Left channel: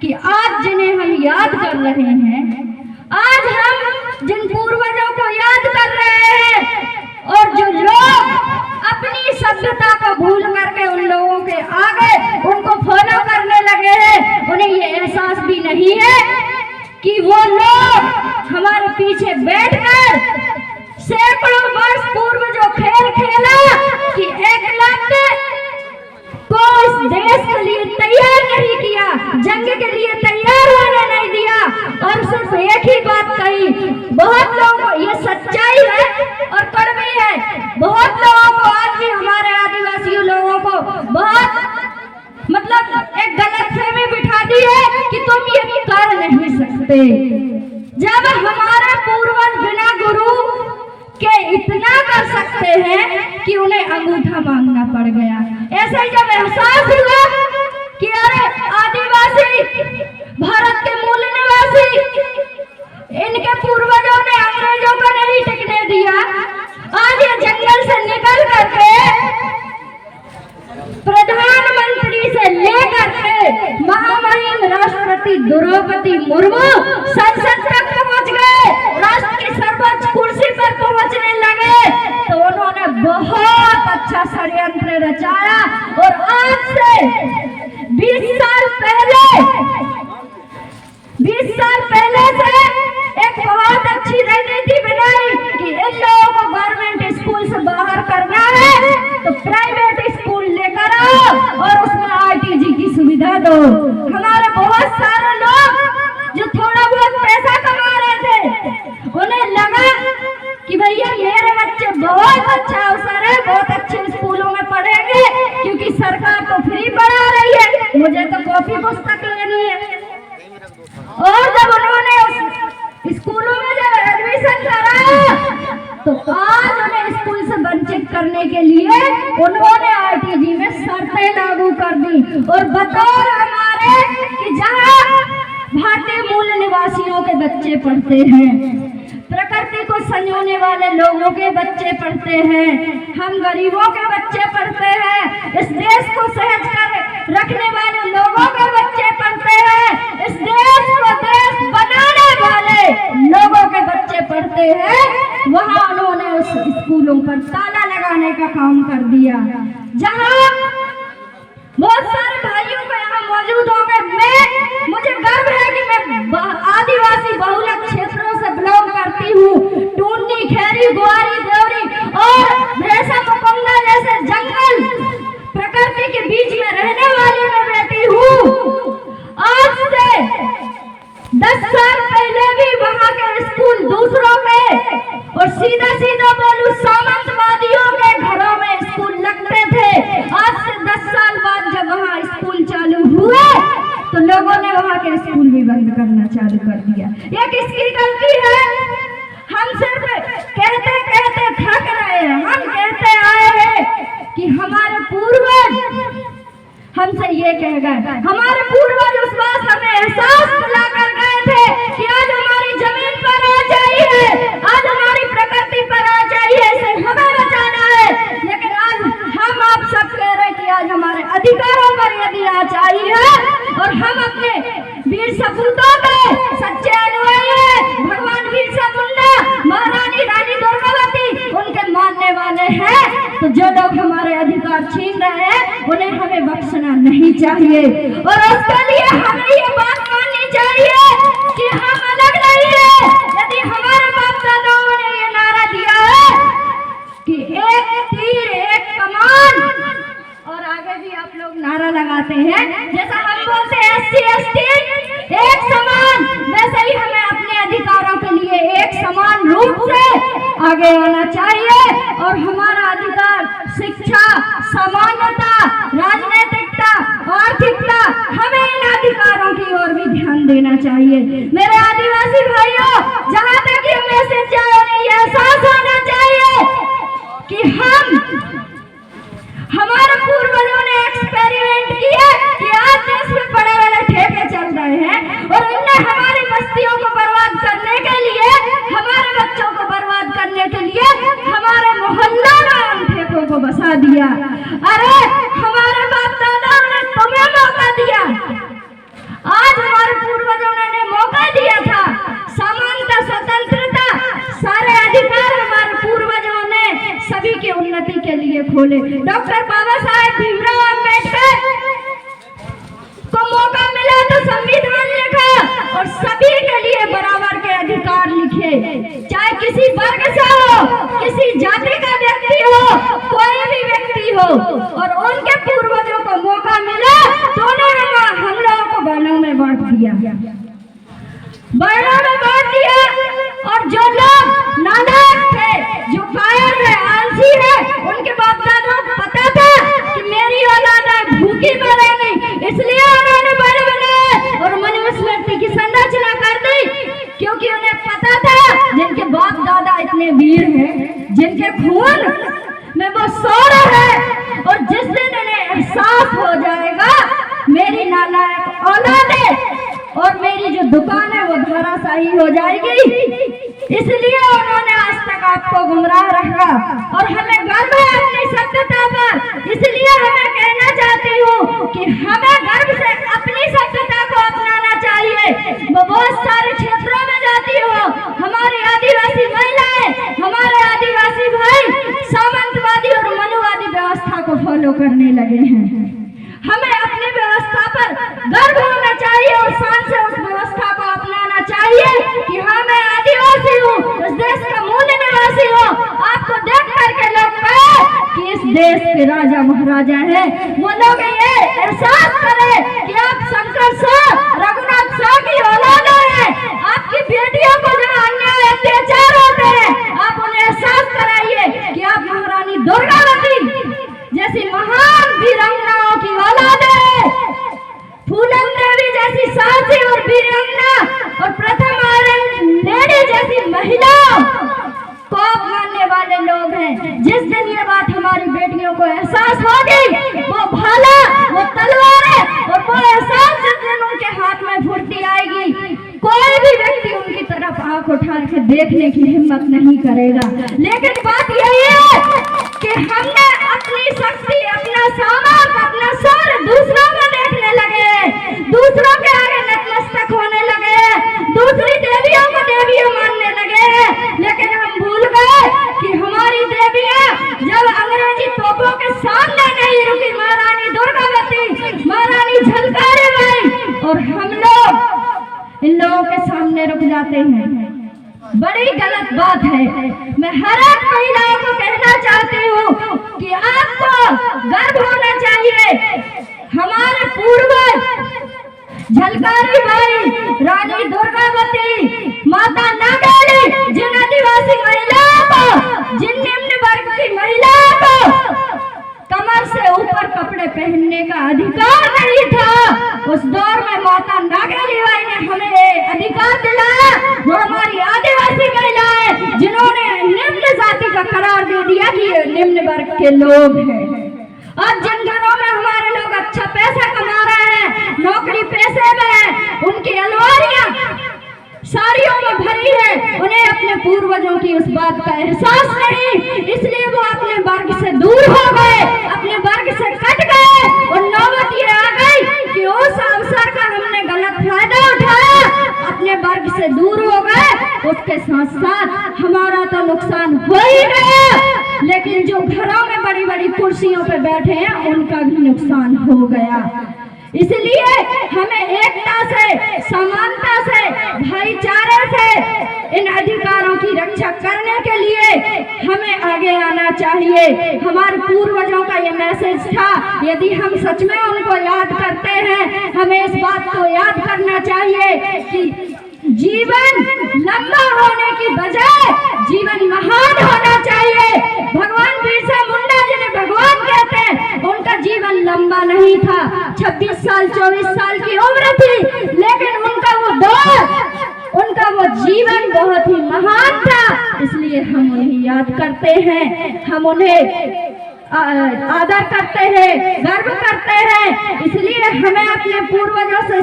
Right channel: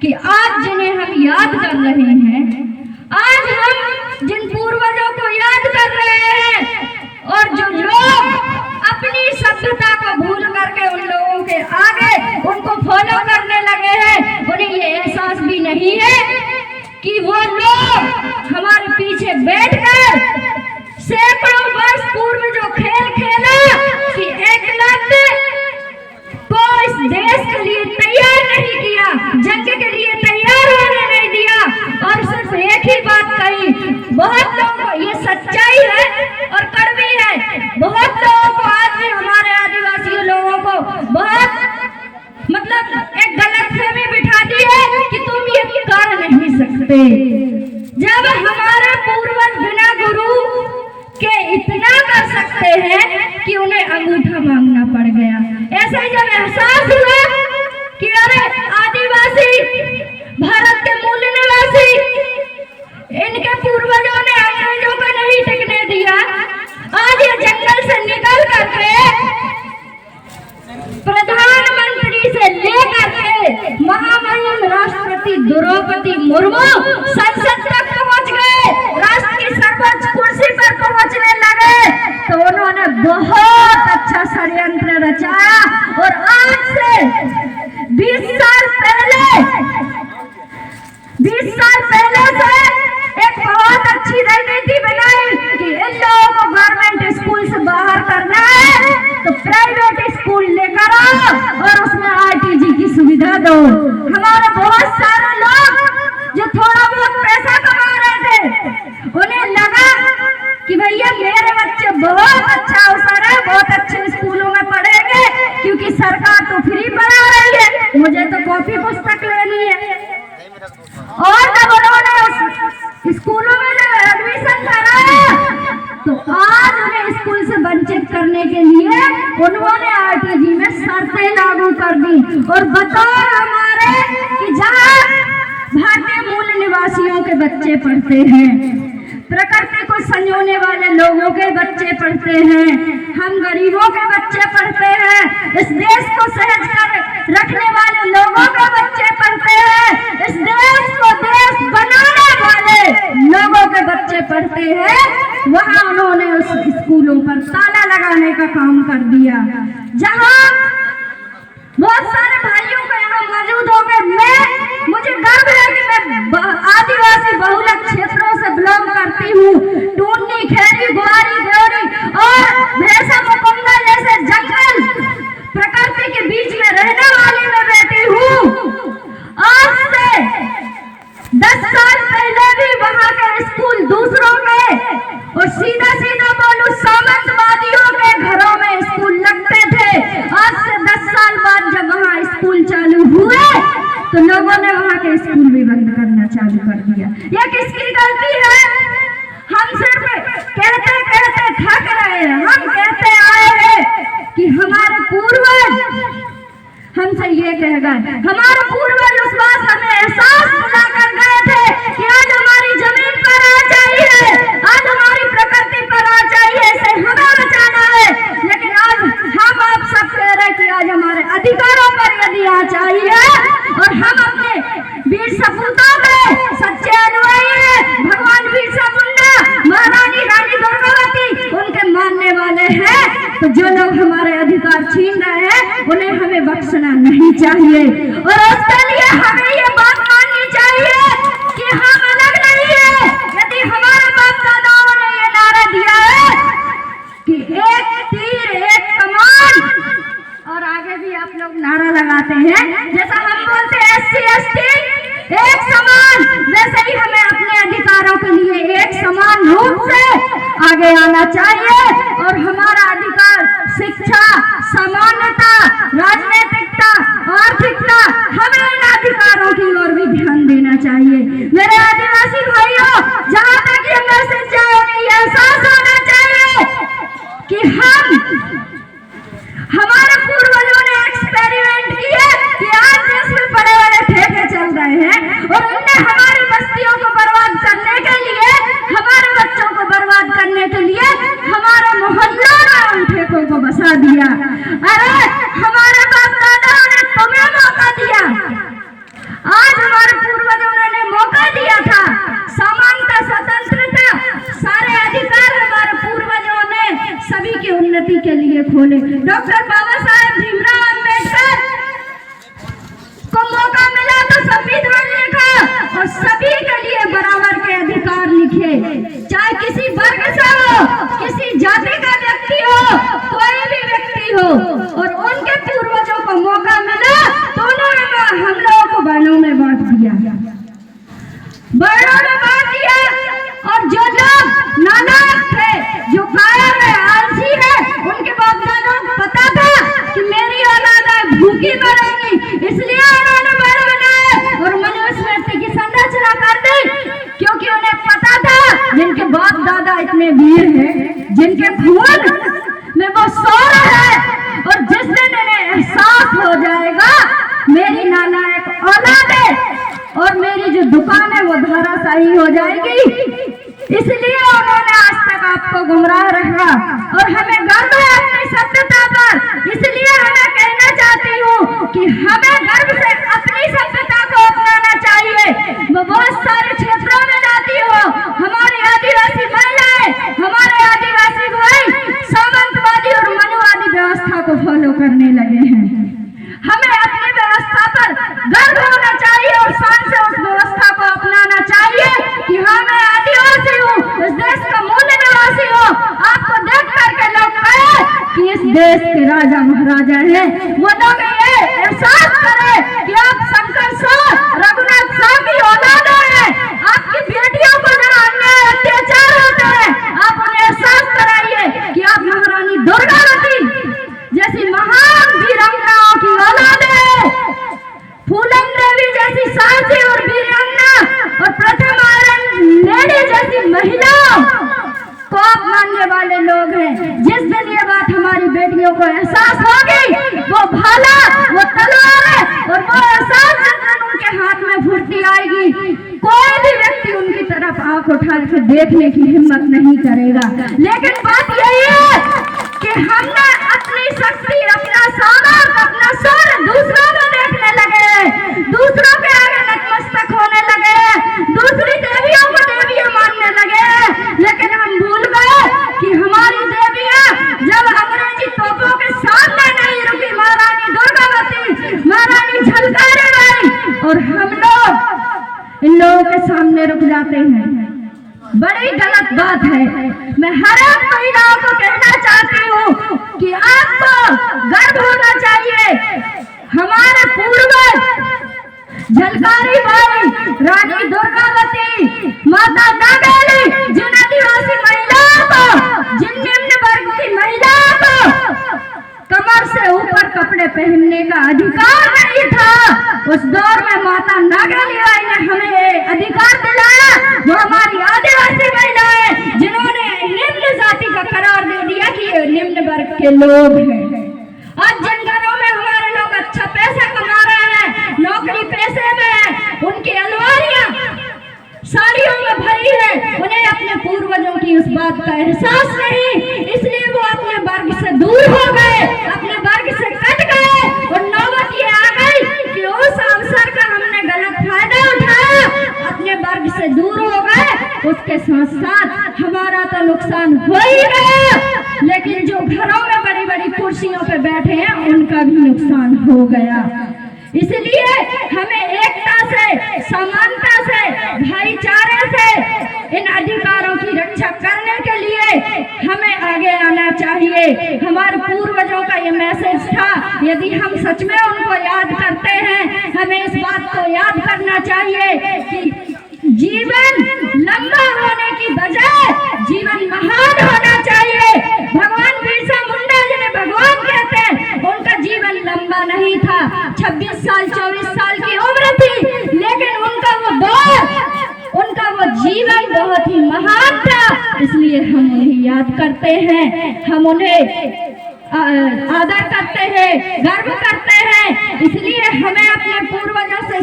कि आज जिन्हें हम याद कर रहे हैं, आज हम जिन पूर्वजों को याद कर रहे हैं और जो लोग अपनी सभ्यता को भूल करके उन लोगों के आगे उनको फॉलो करने लगे हैं, उन्हें ये एहसास भी नहीं है कि वो लोग हमारे पीछे बैठकर सैकड़ों वर्ष पूर्व जो खेल खेला कि एकलव्य को इस देश के लिए तैयार नहीं किया, जंग के लिए तैयार होने नहीं दिया और सिर्फ एक ही बात कही। बहुत लोगों को ये सच्चाई है और कड़वी है, बहुत लोगों को आज भी हमारे आदिवासी लोगों को बहुत मतलब एक गलतफहमी बिठा दी है कि तुम ये कर नहीं सकते। जब हमारे पूर्वज बिना गुरु के इतना कर सकते हैं कि उन्हें अंगूठा मांगना पड़ गया, ऐसे जब एहसास हुआ कि अरे आदिवासी भारत के मूल निवासी, इनके पूर्वजों ने अंग्रेजों को नहीं टिकने दिया, आज ये जंगल से निकल करके प्रधानमंत्री से लेकर के महामहिम राष्ट्रपति द्रौपदी मुर्मू संसद तक पहुंच गए, राष्ट्र की सर्वोच्च कुर्सी पर पहुंचने लगे, तो उन्होंने बहुत अच्छा षड्यंत्र रचाया और आज से 20 साल पहले से एक बहुत अच्छी रणनीति बनाई कि इन लोगों को गवर्नमेंट स्कूल से बाहर करना है तो प्राइवेट स्कूल लेकर आओ और उसमें आरटीजी की सुविधा दो। हमारे बहुत सारे लोग जो थोड़ा बहुत पैसा कमा रहे थे, उन्हें लगा कि भैया मेरे बच्चे बहुत अच्छा अवसर है, बहुत अच्छे स्कूलों में पढ़ेंगे क्योंकि सरकार तो फ्री पढ़ा रही है, मुझे तो कॉपी पुस्तक लेनी है। और जब उन्होंने उस स्कूलों में जब एडमिशन कराया तो आज उन्हें स्कूल से वंचित करने के लिए उन्होंने आरटीजी में शर्तें लागू कर दी और बतौर हमारे कि जहां भारतीय मूल निवासियों के बच्चे पढ़ते हैं, प्रकृति को संजोने वाले लोगों के बच्चे पढ़ते हैं, हम गरीबों के बच्चे पढ़ते हैं, इस देश को सहज कर रखने वाले लोगों के बच्चे पढ़ते हैं, इस देश को देश बनाने वाले लोगों के बच्चे पढ़ते हैं, वहां उन्होंने उस स्कूलों पर ताला लगाने का काम कर दिया। जहां बहुत सारे भाइयों को यहाँ मौजूद होंगे, मुझे गर्व है कि मैं आदिवासी बहुलक क्षेत्रों से बिलोंग करती हूँ। टूटनी, खैरी, गुआरी, देवरी और भैंसा मुकुंदा जैसे जंगल प्रकृति के बीच में रहने वाली मैं बेटी हूँ। आज से 10 साल पहले भी वहाँ के स्कूल दूसरों में और सीधा बोलूं सामंतवादियों के घरों में स्कूल लगते थे। आज से 10 साल बाद जब वहाँ स्कूल चालू हुए तो लोगों ने वहाँ के स्कूल भी बंद करना चालू कर दिया। ये किसकी गलती है? हम सिर्फ कहते थक रहे हैं। हम कहते आए हैं कि हमारे पूर्वज हमसे ये कह गए, हमारे पूर्वज उस बात हमें एहसास दिला कर गए थे कि आज हमारी जमीन पर आ चाहिए, आज हमारी प्रकृति पर आ चाहिए, इसे हमें बचाना है। लेकिन आज हम आप सब कह रहे हैं कि आज हमारे अधिकारों पर यदि आ चाहिए और हम अपने वीर सपूतों के सच्चे अनुयायी हैं, भगवान बिरसा मुंडा, महारानी रानी दुर्गावती उनके मानने वाले हैं, तो जो लोग हमारे अधिकार छीन रहे हैं उन्हें हमें बख्शना नहीं चाहिए। और उसके लिए हमें ये बात माननी चाहिए कि हम अलग नहीं है। यदि हमारे बाप दादाओं ने ये नारा दिया है कि एक तीर एक कमान, और आगे भी आप लोग नारा लगाते हैं जैसा हम बोलते हैं SC/ST एक समान, वैसे ही हमें अपने अधिकारों के लिए एक समान रूप से आगे आना चाहिए। और हमारा अधिकार शिक्षा, समानता, राजनीतिकता, आर्थिकता, हमें इन अधिकारों की ओर भी ध्यान देना चाहिए। मेरे आदिवासी भाइयों, जहाँ तक ये मैसेज जाए उन्हें ये एहसास होना चाहिए कि हमारे पूर्वजों ने एक्सपेरिमेंट किया कि आज देश में बड़े ठेके चल रहे हैं और उनने हमारी बस्तियों को बर्बाद करने के लिए, हमारे बच्चों को बर्बाद करने के लिए हमारे मोहल्लों में उन ठेकों को बसा दिया। अरे हमारे बाप दादाओं ने तुम्हें मौका दिया, के लिए खोले। डॉक्टर बाबा साहेब भीमराव अम्बेडकर को मौका मिला तो संविधान लिखा और सभी के लिए बराबर के अधिकार लिखे, चाहे किसी वर्ग से हो, किसी जाति का व्यक्ति हो, कोई भी व्यक्ति हो। और उनके पूर्वजों को मौका मिला तो उन्होंने हम लोगों को वर्णों में बांट दिया, वर्णों में बांट दिया। और जो लोग नालायक थे, जो कायर है, आलसी है, उनके बाप दादों को पता था कि मेरी औलाद भूखी मरेगी, इसलिए उन्होंने बड़े बनाए और मनुस्मृति की संरचना कर दी, क्योंकि उन्हें पता था जिनके बाप दादा इतने वीर हैं, जिनके खून में वो सौर है, और जिस दिन उन्हें एहसास हो जाएगा मेरी नालायक औलाद है और मेरी जो दुकान है वो धराशायी हो जाएगी, इसलिए उन्होंने आज तक आपको गुमराह रखा। और हमें गर्व है अपनी सभ्यता पर, इसलिए हमें कहना चाहती हूँ कि हमें गर्व से अपनी सभ्यता को अपनाना चाहिए। वो बहुत सारे क्षेत्रों में जाती हो, हमारी आदिवासी महिलाएं, हमारे आदिवासी भाई सामंतवादी और मनुवादी व्यवस्था को फॉलो करने लगे हैं। हमें अपनी व्यवस्था पर गर्व होना चाहिए और शान से उस व्यवस्था को अपनाना चाहिए कि हाँ, मैं आदिवासी हूँ, इस देश का मूल निवासी हूँ। आपको देख करके लोग कहे कि इस देश के राजा महाराजा हैं, वो लोग ये एहसास करें कि आप शंकर शाह, रघुनाथ शाह की औलाद हैं। आपकी बेटियों को जो अन्याय अत्याचार होते हैं, आप उन्हें एहसास कराइए कि आप महारानी दुर्गावती जैसी महान वीरांगनाओं की औलाद है, फूलन देवी जैसी साहसी और वीरांगना और प्रथम आयरन लेडी जैसी महिलाओं को आप मानने वाले लोग हैं। जिस दिन ये बात हमारी बेटियों को एहसास होगी, वो भाला, वो तलवार है, और वो एहसास जिस दिन उनके हाथ में फुर्ती आएगी, कोई भी व्यक्ति उनकी तरफ आंख उठा के देखने की हिम्मत नहीं करेगा। लेकिन बात यही है कि हमने अपनी शक्ति, अपना सामर्थ, अपना सर दूसरों में देखने लगे, दूसरों के आगे नतमस्तक होने लगे, दूसरी देवियों को देवियां मानने लगे। लेकिन हम भूल गए कि हमारी देवियां जब अंग्रेजी तोपों के सामने नहीं रुकी, महारानी दुर्गावती, महारानी झलकारी बाई, और हम लोग इन लोगों के सामने रुक जाते हैं, बड़ी गलत बात है। मैं हर एक महिलाओं को कहना चाहती हूँ कि आपको गर्व होना चाहिए। हमारे पूर्वज झलकारी बाई, रानी दुर्गावती, माता नागेली, जिन आदिवासी महिलाओं को, जिन निम्न वर्ग की महिलाओं को कमर से ऊपर कपड़े पहनने का अधिकार नहीं था, उस दौर में माता नागेली बाई ने हमें अधिकार दिलाया। वो हमारी आदिवासी महिलाएं जिन्होंने निम्न जाति का करार दे दिया कि ये निम्न वर्ग के लोग हैं। आज जिन घरों में हमारे लोग अच्छा पैसा कमा रहे हैं, नौकरी पैसे में है, उनकी अलमारियां साड़ियों में भरी है, उन्हें अपने पूर्वजों की उस बात का एहसास नहीं, इसलिए वो अपने वर्ग से दूर हो गए, अपने वर्ग से कट गए। और नौबत ये आ गई कि उस अवसर का हमने गलत फायदा उठाया, अपने वर्ग से दूर हो गए। उसके साथ साथ हमारा तो नुकसान हो ही गया, लेकिन जो घरों में बड़ी बड़ी कुर्सियों पे बैठे हैं उनका भी नुकसान हो गया। इसलिए हमें एकता से, समानता से, भाईचारे से इन अधिकारों की रक्षा करने के लिए हमें आगे आना चाहिए। हमारे पूर्वजों का ये मैसेज था, यदि हम सच में उनको याद करते हैं, हमें इस बात को याद करना चाहिए कि जीवन लंबा होने की बजाय जीवन महान होना चाहिए। भगवान बिरसा मुंडा जिन्हें भगवान कहते हैं, उनका जीवन लंबा नहीं था, 26 साल 24 साल की उम्र थी, लेकिन उनका वो दौर, उनका वो जीवन बहुत ही महान था। इसलिए हम उन्हें याद करते हैं, हम उन्हें आदर करते हैं, गर्व करते हैं। इसलिए हमें अपने पूर्वजों से